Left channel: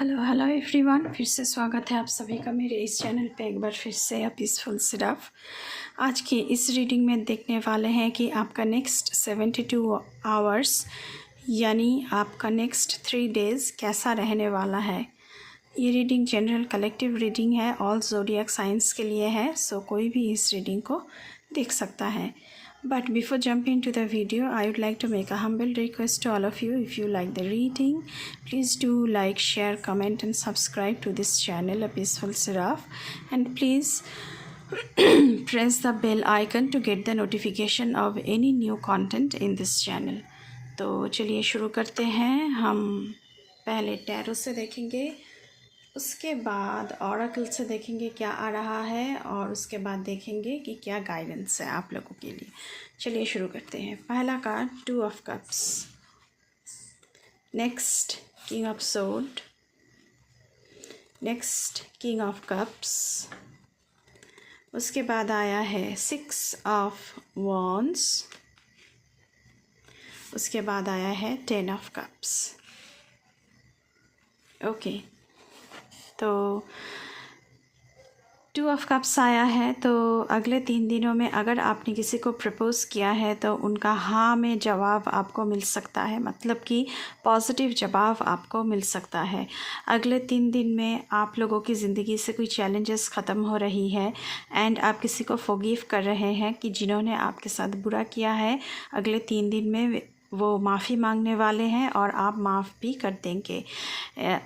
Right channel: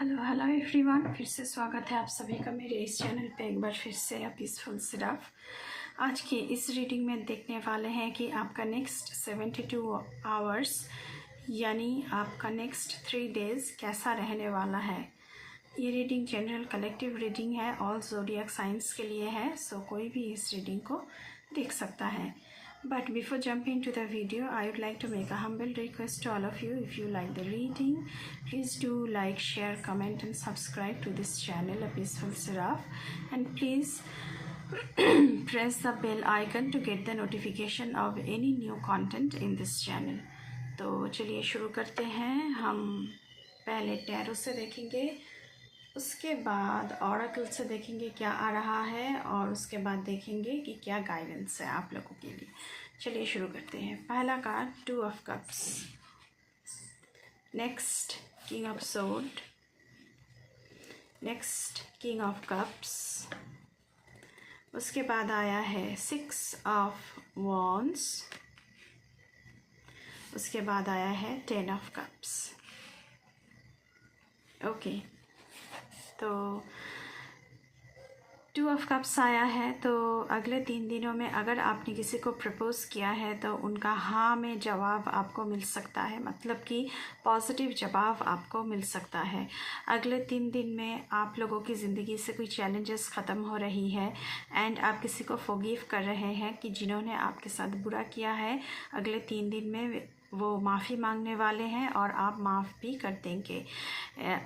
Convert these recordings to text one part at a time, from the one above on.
Hello hello everyone, फिर से स्वागत है आप सभी का मेरे इस चैनल पे एक बार फिर से। पीसफुल सिरफ आज की इस रीडिंग में देखने वाले हैं कि आपका नेक्स्ट 72 आवर्स यानी आपका नेक्स्ट 3 डेज़ कैसा रहने वाला है। ये रीडिंग जनरल कलेक्टिव रीडिंग है, ऑल ज़ोडिएक साइंस के लिए है, सो कोई भी इस रीडिंग को देख सकता है। But before jumping to the video, I would like to make a humble request to all of you. If you like the reading, please do like, share, comment and subscribe to this channel, A Peaceful Seraph. And please press the bell icon to get the notification of any new content in this channel. तो चलिए शुरू करते हैं। हम पहले tarot से देखेंगे, उसके बाद ऑरेकल से देखेंगे क्या आ रहा है, और उसके बाद देखेंगे कि क्या गाइडेंस है आप लोगों के लिए। चलिए शुरू करते हैं। पहला card 2 of cups, next king of sword, next king of cups, उसके बाद आया है 6 ऑफ वॉन्ड्स, उसके बाद आया है 10 ऑफ कप्स। ओके, तो 2 ऑफ कप्स आया है। तो अगले 3 दिनों में अगर आपने किसी को प्रपोज़ किया है तो उनका हाँ में जवाब आपको मिल सकता है, मतलब कि पॉजिटिव जवाब आपको मिल सकता है। अगले 3 दिन में आप लोगों की ज़िंदगी से कोई चैलेंजेस ख़त्म हो रही है एंड आप किसी को फॉरगिव कर रहे हैं कि जिन्होंने आपके साथ बुरा किया है। अगले 3 दिन में वो माफ़ी मांगने वाले हैं और आप माफ़ भी कर देंगे।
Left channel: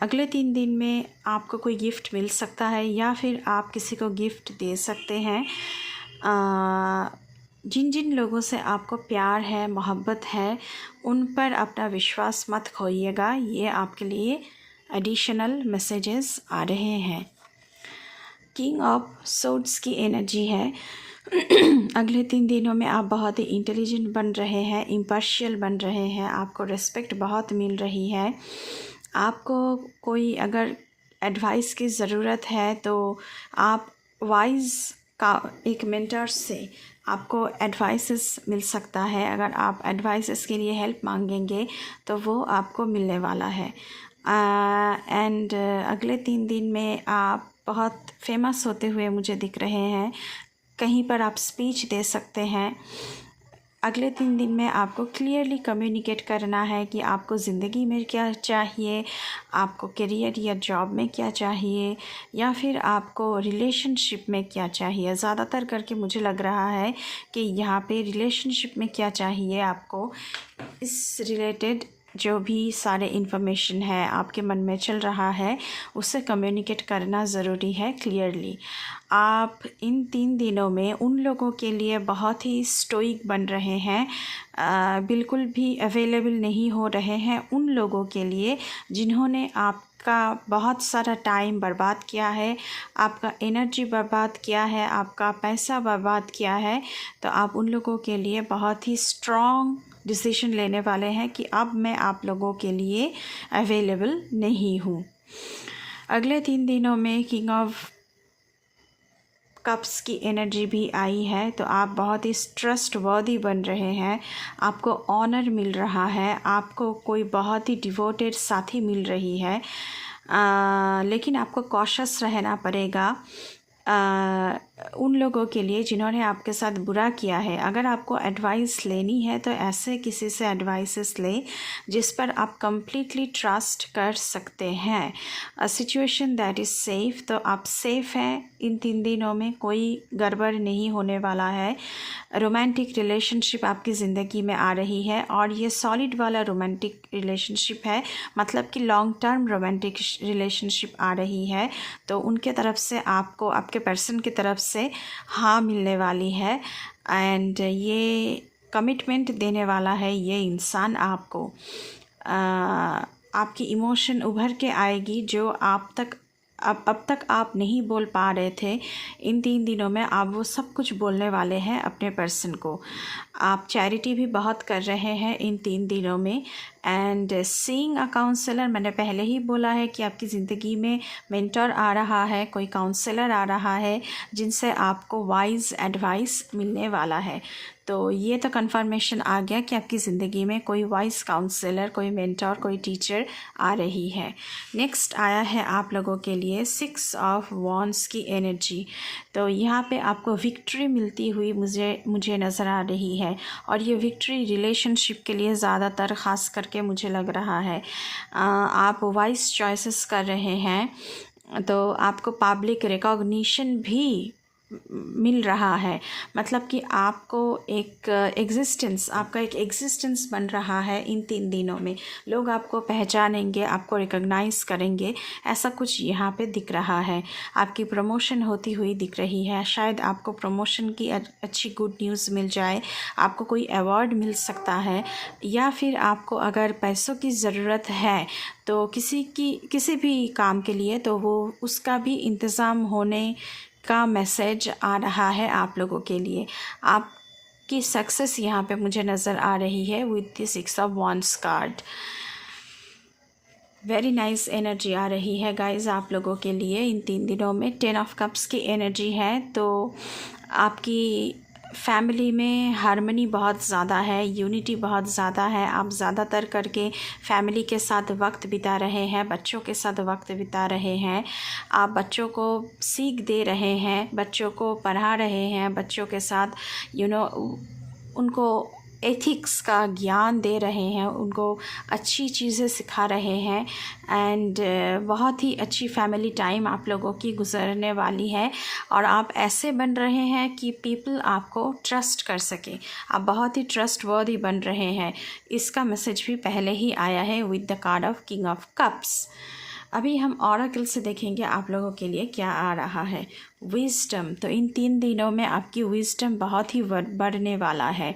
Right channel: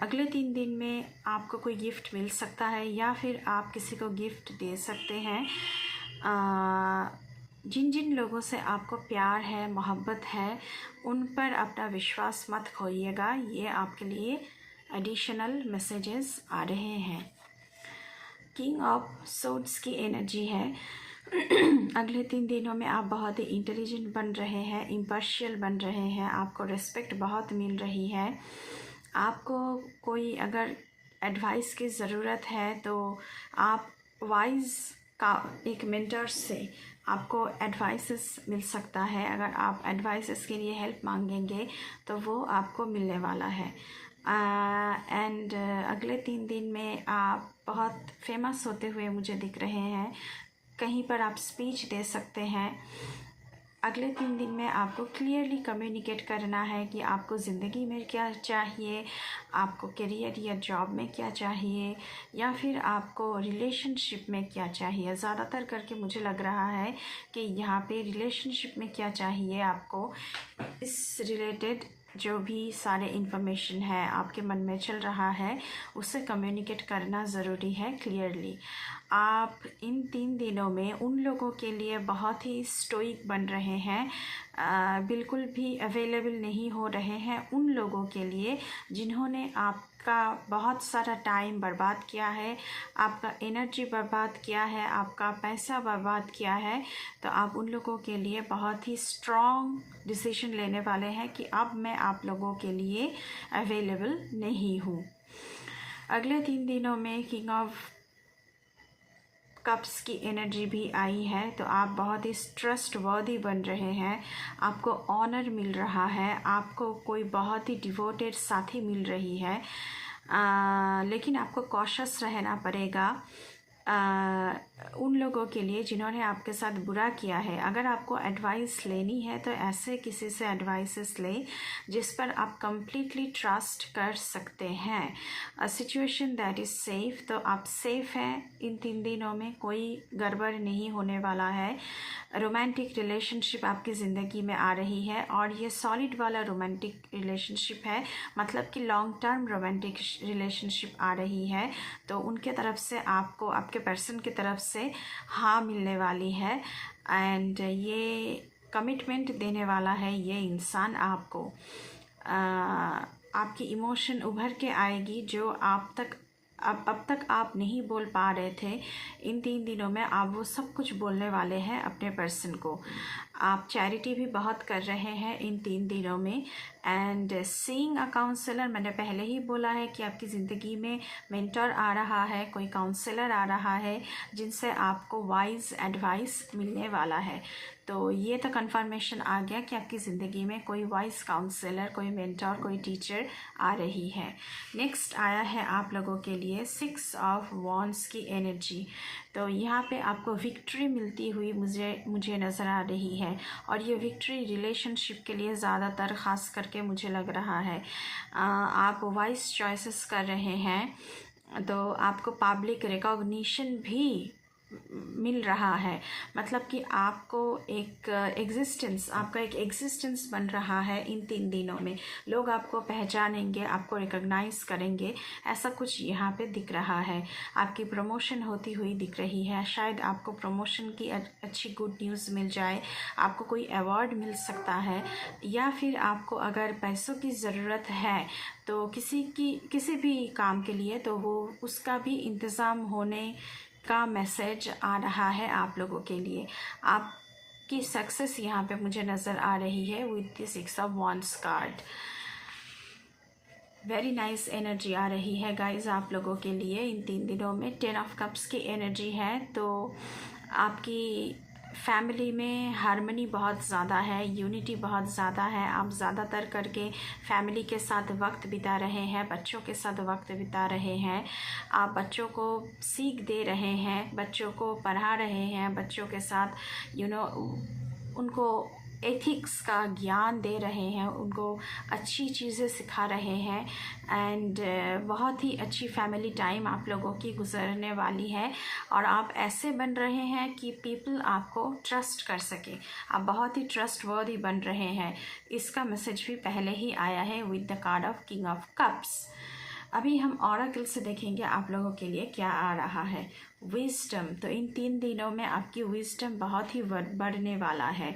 अगले 3 दिन में आपको कोई गिफ्ट मिल सकता है या फिर आप किसी को गिफ्ट दे सकते हैं। जिन जिन लोगों से आपको प्यार है, मोहब्बत है, उन पर अपना विश्वास मत खोइएगा। ये आपके लिए एडिशनल मैसेजेस आ रहे हैं। किंग ऑफ सोर्ड्स की एनर्जी है। अगले 3 दिनों में आप बहुत ही इंटेलिजेंट बन रहे हैं, इम्पार्शियल बन रहे हैं, आपको रिस्पेक्ट बहुत मिल रही है। आपको कोई अगर एडवाइस की ज़रूरत है तो आप वाइज का एक मेंटर से आपको एडवाइसेस मिल सकता है। अगर आप एडवाइसेस के लिए हेल्प मांगेंगे तो वो आपको मिलने वाला है। एंड अगले 3 दिन में आप बहुत फेमस होते हुए मुझे दिख रहे हैं। कहीं पर आप स्पीच दे सकते हैं। अगले 3 दिन में आपको क्लियरली कम्युनिकेट करना है कि आपको ज़िंदगी में क्या चाहिए, आपको करियर या जॉब में क्या चाहिए, या फिर आपको रिलेशनशिप में क्या चाहिए। ज़्यादातर करके मुझे लग रहा है कि यहाँ पे रिलेशनशिप में क्या चाहिए आपको, इस रिलेटेड जो भी सारे इन्फॉर्मेशन है आपके मन में चल रहा है उससे कम्युनिकेट करना ज़रूरी है क्लियरली। आप इन 3 दिनों में उन लोगों के लिए बहुत ही स्टोइक बन रहे हैं, बिल्कुल भी अवेलेबल नहीं हो रहे हैं उन लोगों के लिए जिन्होंने आपका बहुत सारा टाइम बर्बाद किया है, आपका एनर्जी बर्बाद किया है, आपका पैसा बर्बाद किया है। तो आप उन लोगों के लिए बहुत ही स्ट्रॉन्ग डिसीजन लेने वाले हैं कि अब मैं आप लोगों के लिए अवेलेबल नहीं हूँ। अगले 3 दिनों में किंग ऑफ कप्स की एनर्जी भी आई है। तो आप बहुत ही ट्रस्टवर्दी बन रहे हैं, आपको ऑनर मिल रहा है, आपको कोई बहुत ही डिवोटेड साथी मिल रही है। लेकिन आपको कॉशियस रहना पड़ेगा उन लोगों के लिए जिन्होंने आपके साथ बुरा किया है। अगर आपको एडवाइस लेनी है तो ऐसे किसी से एडवाइसेस ले जिस पर आप कंप्लीटली ट्रस्ट कर सकते हैं। A situation that is safe, तो आप सेफ़ हैं। इन 3 दिनों में कोई गड़बड़ नहीं होने वाला है। रोमांटिक रिलेशनशिप आपकी ज़िंदगी में आ रही है और ये सॉलिड वाला रोमांटिक रिलेशनशिप है, मतलब कि लॉन्ग टर्म रोमांटिक रिलेशनशिप आ रही है। तो उनके तरफ से आपको, आपके पर्सन की तरफ से हाँ मिलने वाली है एंड ये कमिटमेंट देने वाला है ये इंसान आपको। आपकी इमोशन उभर के आएगी जो अब तक आप नहीं बोल पा रहे थे। इन 3 दिनों में आप वो सब कुछ बोलने वाले हैं अपने पर्सन को। आप चैरिटी भी बहुत कर रहे हैं इन 3 दिनों में। एंड सीइंग अ काउंसलर, मैंने पहले ही बोला है कि आपकी ज़िंदगी में मेंटर आ रहा है, कोई काउंसलर आ रहा है जिनसे आपको वाइज एडवाइस मिलने वाला है। तो ये तो कंफर्मेशन आ गया कि आपकी ज़िंदगी में कोई वाइज काउंसलर, कोई मेंटर, कोई टीचर आ रही है। नेक्स्ट आया है आप लोगों के लिए 6 ऑफ वॉन्ड्स की एनर्जी। तो यहाँ पे आपको विक्ट्री मिलती हुई मुझे नज़र आ रही है, और ये विक्ट्री रिलेशनशिप के लिए ज़्यादातर ख़ास करके मुझे लग रहा है। आप वाइज चॉइसेस कर रहे हैं, तो आपको पब्लिक रिकॉग्निशन भी मिल रहा है। मतलब कि आपको एक एग्जिस्टेंस, आपका एक एग्जिस्टेंस बन रहा है इन 3 दिनों में। लोग आपको पहचानेंगे, आपको रिकॉग्नाइज करेंगे, ऐसा कुछ यहाँ पे दिख रहा है। आपकी प्रमोशन होती हुई दिख रही है। शायद आपको प्रमोशन की अच्छी गुड न्यूज़ मिल जाए, आपको कोई अवार्ड मिल सकता है, या फिर आपको अगर पैसों की ज़रूरत है तो किसी भी काम के लिए, तो वो उसका भी इंतज़ाम होने का मैसेज आ रहा है आप लोगों के लिए। आपकी सक्सेस यहाँ पे मुझे नज़र आ रही है with the 6 of wands card. Very nice energy आ रही है गाइज आप लोगों के लिए इन 3 दिनों में। 10 ऑफ कप्स की एनर्जी है, तो आपकी फैमिली में हार्मनी बहुत ज़्यादा है, यूनिटी बहुत ज़्यादा है। आप ज़्यादातर करके फैमिली के साथ वक्त बिता रहे हैं, बच्चों के साथ वक्त बिता रहे हैं। आप बच्चों को सीख दे रहे हैं, बच्चों को पढ़ा रहे हैं, बच्चों के साथ उनको एथिक्स का ज्ञान दे रहे हैं, उनको अच्छी चीज़ें सिखा रहे हैं। एंड बहुत ही अच्छी फैमिली टाइम आप लोगों की गुजरने वाली है, और आप ऐसे बन रहे हैं कि पीपल आपको ट्रस्ट कर सके। आप बहुत ही ट्रस्ट वर्दी बन रहे हैं। इसका मैसेज भी पहले ही आया है with the card of king of cups. अभी हम ऑरेकल से देखेंगे आप लोगों के लिए क्या आ रहा है। विजडम, तो इन 3 दिनों में आपकी विजडम बहुत ही बढ़ने वाला है।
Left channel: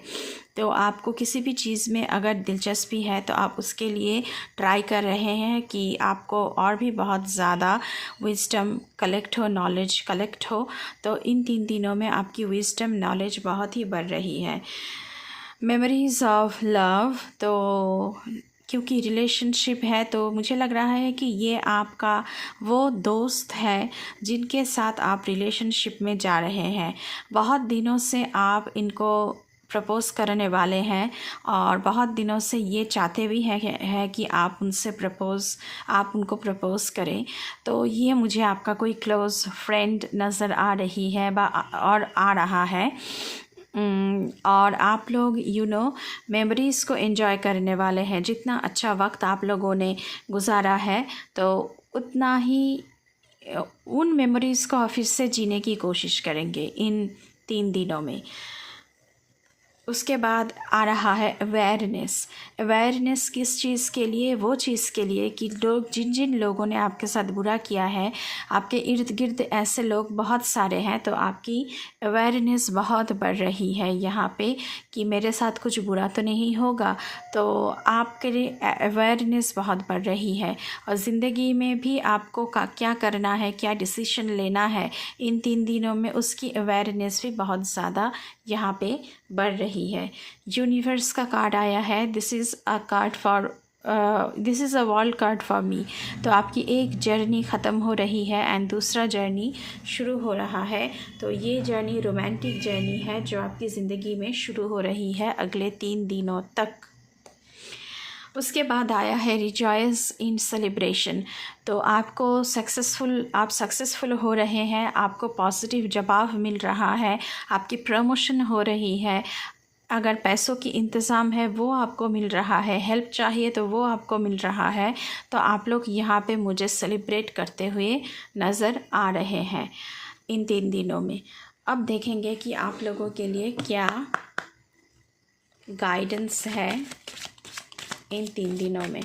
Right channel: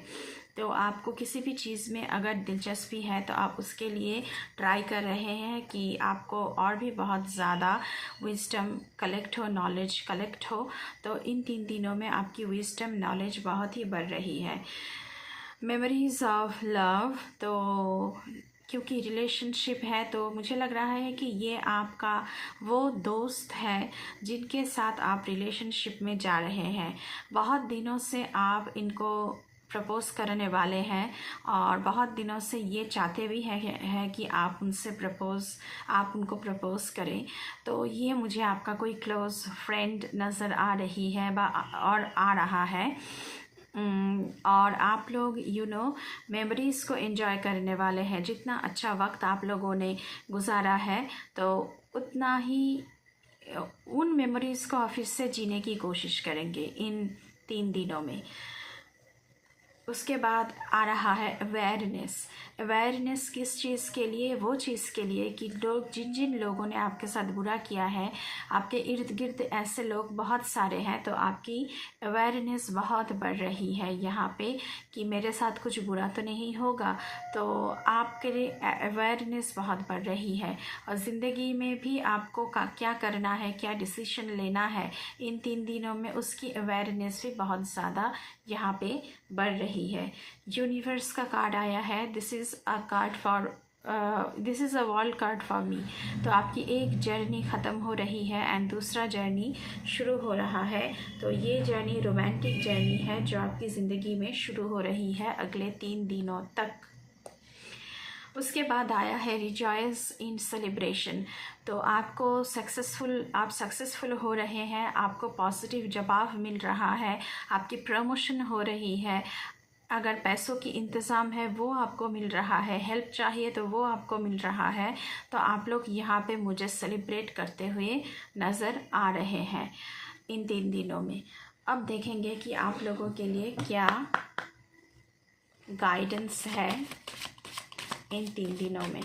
तो आपको किसी भी चीज़ में अगर दिलचस्पी है तो आप उसके लिए ट्राई कर रहे हैं कि आपको और भी बहुत ज़्यादा विजडम कलेक्ट हो, नॉलेज कलेक्ट हो। तो इन 3 दिनों में आपकी विजडम नॉलेज बहुत ही बढ़ रही है। मेमोरीज ऑफ लव, तो क्योंकि रिलेशनशिप है तो मुझे लग रहा है कि ये आपका वो दोस्त है जिनके साथ आप रिलेशनशिप में जा रहे हैं। बहुत दिनों से आप इनको प्रपोज़ करने वाले हैं, और बहुत दिनों से ये चाहते भी हैं कि आप उनको प्रपोज़ करें। तो ये मुझे आपका कोई क्लोज़ फ्रेंड नज़र आ रही है और आ रहा है। और आप लोग मेमोरीज़ को एंजॉय करने वाले हैं। जितना अच्छा वक्त आप लोगों ने गुजारा है, तो उतना ही उन मेमोरीज़ को फिर से जीने की कोशिश करेंगे इन 3 दिनों में। उसके बाद आ रहा है अवेयरनेस किस चीज़ के लिए? वो चीज़ के लिए कि लोग जिन लोगों ने आपके साथ बुरा किया है, आपके इर्द गिर्द ऐसे लोग बहुत सारे हैं, तो आपकी अवेयरनेस बहुत बढ़ रही है यहाँ पे कि मेरे साथ कुछ बुरा तो नहीं होगा। तो आपके लिए अवेयरनेस बहुत बढ़ रही है, और ज़िंदगी में भी आपको क्या करना है, क्या डिसीजन लेना है इन 3 दिनों में, उसकी अवेयरनेस भी बहुत ज़्यादा यहाँ पे बढ़ रही है। यूनिवर्स का कार्ड आया है, this is a world card for me. तो आपकी एक जर्नी ख़त्म हो रही है एंड दूसरा जर्नी शुरू हो रहा है। तो ये जर्नी रोमांटिक जर्नी है जो आपकी ज़िंदगी में शुरू हो रही है अगले 3 दिनों तक। उसके बाद आया है रिजॉयस इन सेलिब्रेशन। तो आप सक्सेसफुल हो रहे हैं, आपको पॉजिटिव जवाब मिल रहा है, आपकी प्रमोशन हो रही है। अगर पैसों की इंतज़ाम है वो आपको मिल रहा है, हेल्प चाहिए तो वो आपको मिल रहा है। तो आप लोग यहाँ पे मुझे सेलिब्रेट करते हुए नज़र आ रहे हैं इन 3 दिनों में। अब देखेंगे कि आप लोगों के लिए क्या गाइडेंस है इन 3 दिनों में।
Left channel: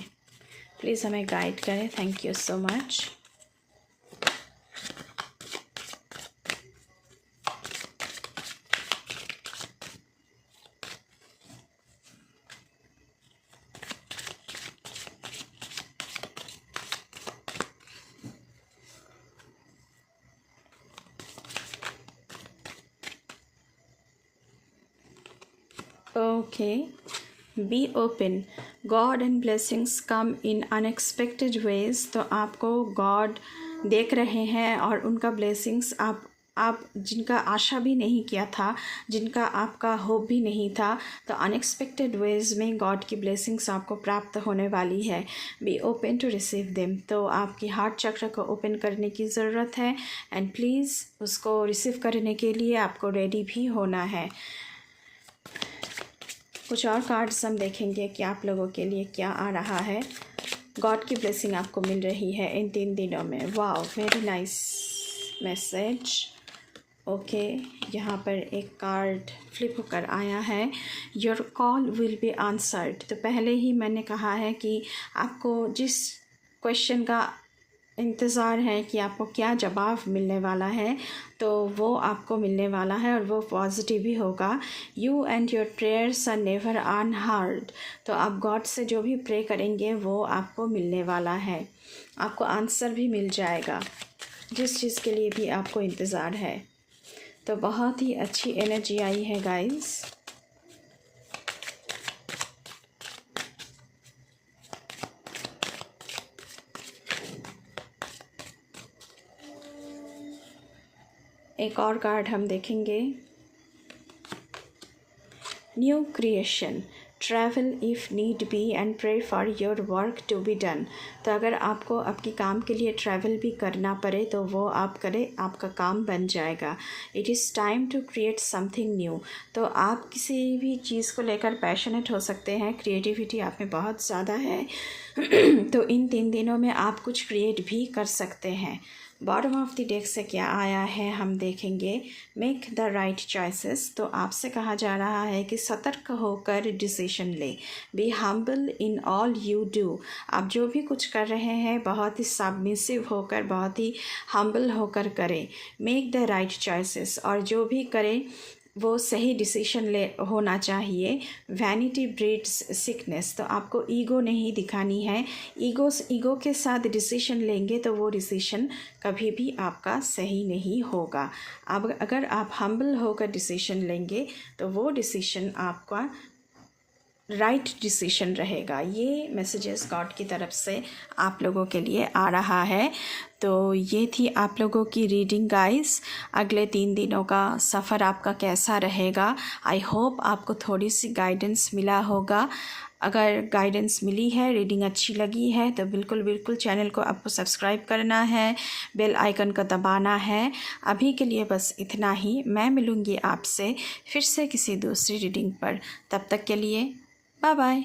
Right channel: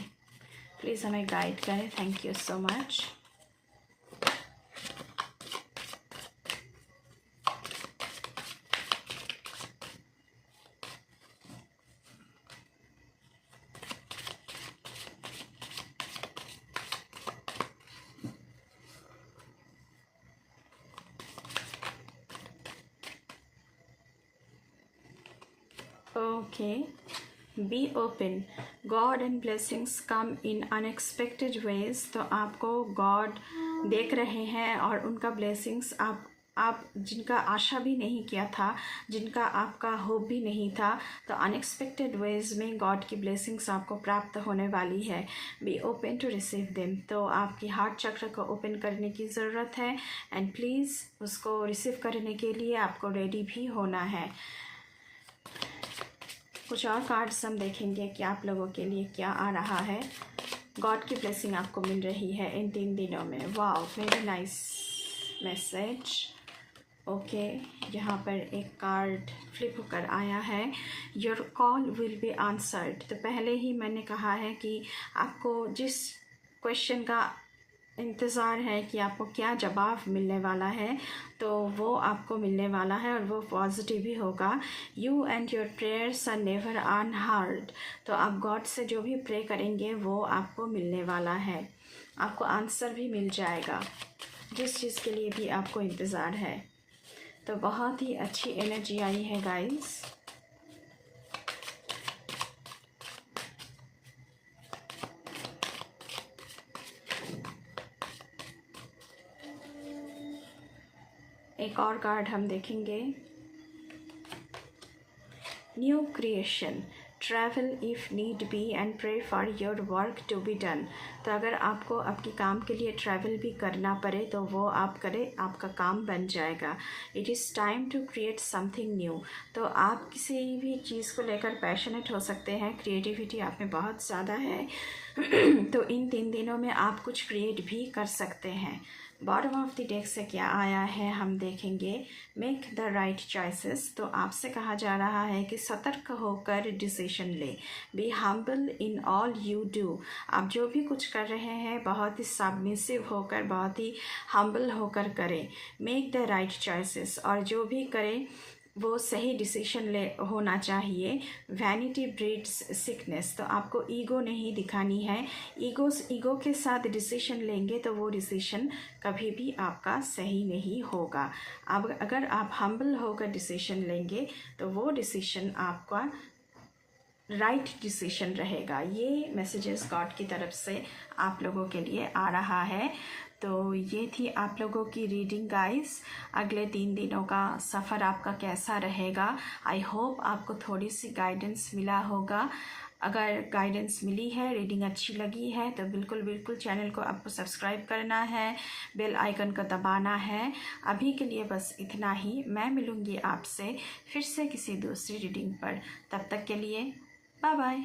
प्लीज़ हमें गाइड करें। Thank you so much. Okay, be open. God and blessings come in unexpected ways. तो आपको गॉड देख रहे हैं और उनका ब्लेसिंग्स आप जिनका आशा भी नहीं किया था, जिनका आपका होप भी नहीं था, तो अनएक्सपेक्टेड वेज में गॉड की ब्लेसिंग्स आपको प्राप्त होने वाली है। Be open to receive them. तो आपकी हार्ट चक्र को ओपन करने की ज़रूरत है एंड प्लीज़ उसको रिसीव करने के लिए आपको रेडी भी होना है। कुछ और कार्ड्स हम देखेंगे कि आप लोगों के लिए क्या आ रहा है। गॉड की ब्लेसिंग आपको मिल रही है इन 3 दिनों में। Wow, very nice message. Okay, यहाँ पर एक कार्ड फ्लिप होकर आया है, your call will be answered. तो पहले ही मैंने कहा है कि आपको जिस क्वेश्चन का इंतज़ार है कि आपको क्या जवाब मिलने वाला है, तो वो आपको मिलने वाला है और वो पॉजिटिव ही होगा। You and your prayers are never unheard. तो आप गॉड से जो भी प्रे करेंगे वो आपको मिलने वाला है, आपको आंसर भी मिल जाएगा जिस चीज़ के लिए भी आपको इंतज़ार है। तो बहुत ही अच्छी एनर्जी आई है गाइस। एक और कार्ड हम देखेंगे, new creation, travel if need be and pray for your work to be done. तो अगर आपको आपके काम के लिए ट्रैवल भी करना पड़े तो वो आप करें, आपका काम बन जाएगा। It is time to create something new. तो आप किसी भी चीज़ को लेकर पैशनेट हो सकते हैं, क्रिएटिविटी आप में बहुत ज़्यादा है तो इन 3 दिनों में आप कुछ क्रिएट भी कर सकते हैं। बॉटम ऑफ द डेक से क्या आया है हम देखेंगे, मेक द राइट चॉइसेस। तो आपसे कहा जा रहा है कि सतर्क होकर डिसीजन ले। Be humble in all you do. आप जो भी कुछ कर रहे हैं बहुत ही सबमिसिव होकर, बहुत ही हम्बल होकर करें। मेक द राइट चॉइसेस, और जो भी करें वो सही डिसीजन ले होना चाहिए। Vanity breeds sickness. तो आपको ईगो नहीं दिखानी है। ईगो के साथ डिसीजन लेंगे तो वो डिसीजन कभी भी आपका सही नहीं होगा। अब अगर आप हम्बल होकर डिसीजन लेंगे तो वो डिसीजन आपका राइट डिसीजन रहेगा। ये मैसेजेस गॉड की तरफ से आप लोगों के लिए आ रहा है। तो ये थी आप लोगों की रीडिंग गाइस। अगले 3 दिनों का सफ़र आपका कैसा रहेगा, आई होप आपको थोड़ी सी गाइडेंस मिला होगा। अगर गाइडेंस मिली है, रीडिंग अच्छी लगी है तो बिल्कुल चैनल को आपको सब्सक्राइब करना है, बेल आइकन को दबाना है। अभी के लिए बस इतना ही। मैं मिलूँगी आपसे फिर से किसी दूसरी रीडिंग पर। तब तक के लिए बाय बाय।